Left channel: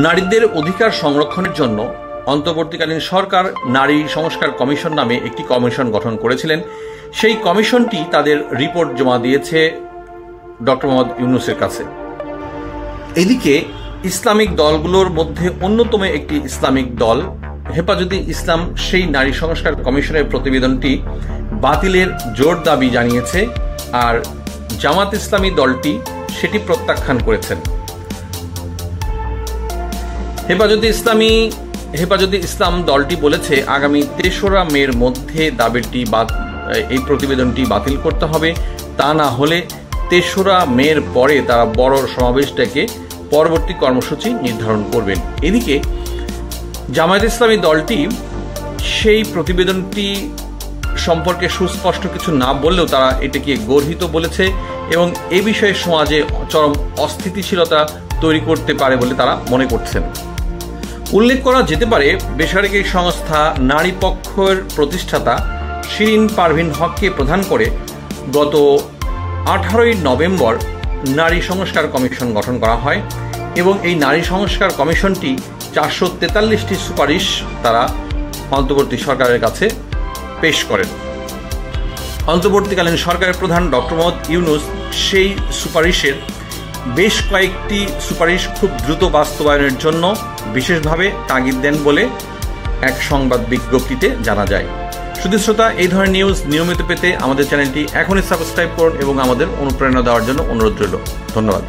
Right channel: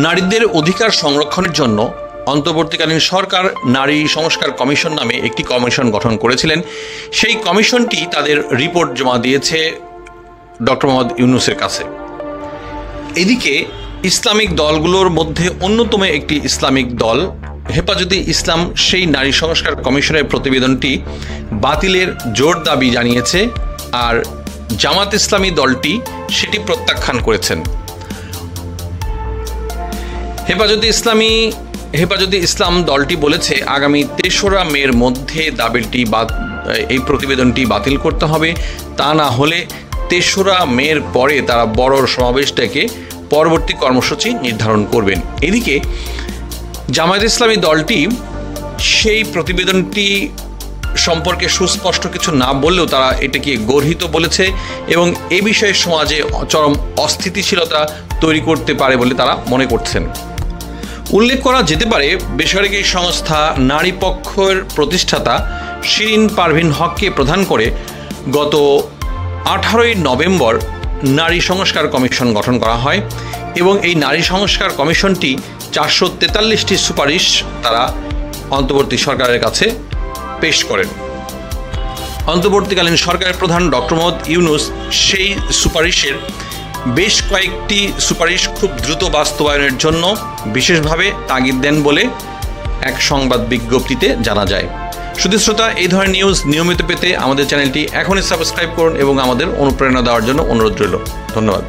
নারীদের অধিকার সংরক্ষণের জন্য অন্তর্বর্তীকালীন সরকার নারী সংস্কার কমিশন নামে একটি কমিশন গঠন করেছিলেন। সেই কমিশনটি তাদের রিপোর্ট জমা দিয়েছে ডক্টর মোহাম্মদ ইউনূসের কাছে। এদিকে ইসলামিক দলগুলোর মধ্যে অন্যতম একটি ইসলামিক দল হেফাজতে ইসলাম সেই নারী সংস্কার কমিশনের প্রতিবেদনটি বাতিলের জোর দাবি জানিয়েছে, আর জামাত ইসলামী দলটি সেটি প্রত্যাখ্যান করেছেন। হেফাজতে ইসলাম দলটি বলেছে আগামী ৩রা মের মধ্যে এই প্রতিবেদনটি বাতিল করতে হবে, তা না হলে ৩রা মের পরে তারা বড় সমাবেশ ডেকে পরবর্তী কর্মসূচি নির্ধারণ করবেন। এদিকে জামায়াত ইসলামী দলটি সেই প্রতিবেদনটি সম্পর্কে সুস্পষ্ট কিছু না বললেও তারা এটাকে গর্হিত বলেছে এবং এ বিষয়ে সমাজে চরম অস্থিতিশীলতা তৈরি করতে পারে বলে তারা মনে করছেন। উল্লেখ করা যেতে পারে, বেসরকারি সংস্থা নারী পক্ষের প্রতিষ্ঠাতা শিরিন পারভীন হককে প্রধান করে গত 18ই নভেম্বর নারী সংস্কার কমিশন গঠন করা হয় এবং এই নারী সংস্কার কমিশনটি 443টি সুপারিশ তারা অন্তর্বর্তী সরকারের কাছে পেশ করেন। অন্তর্বর্তীকালীন সরকারের প্রধান ডক্টর মোহাম্মদ ইউনূস সেই সুপারিশের বেশ কয়েকটি সুপারিশ খুব দ্রুত বাস্তবায়নের জন্য বিশেষভাবে তাগিদ দেন বলে এক সংবাদ বিজ্ঞপ্তিতে জানা যায়। শুধু শ্রোতা, এই ধরনের নিউজ নিয়মিত পেতে আমাদের চ্যানেলটি এখনই সাবস্ক্রাইব করুন এবং আমাদের অনুপ্রেরণা দেওয়ার জন্য অনুরোধ রইল। ধন্যবাদ।